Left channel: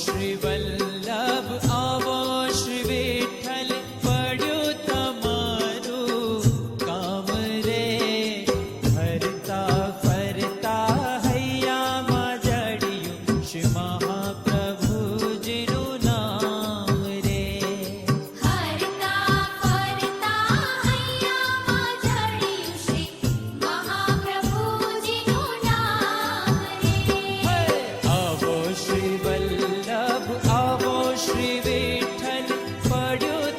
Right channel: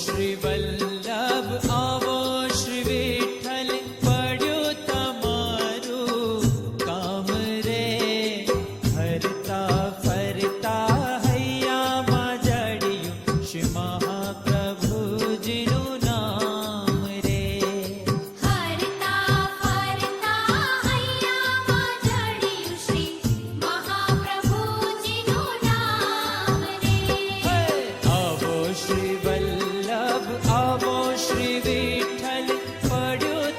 શ્રી વલ્લભ આવો શ્રી વિઠ્ઠલ પડ્યું તમારું કામ રે હરતા ફરતા હૈયામાં જડિયું શ્રી મહાપ્રભુજીનું નામ રે હરતા ફરતા હૈયામાં જડિયું શ્રી મહાપ્રભુજીનું નામ રે આવો શ્રી વલ્લભ આવો શ્રી વિઠ્ઠલ પડ્યું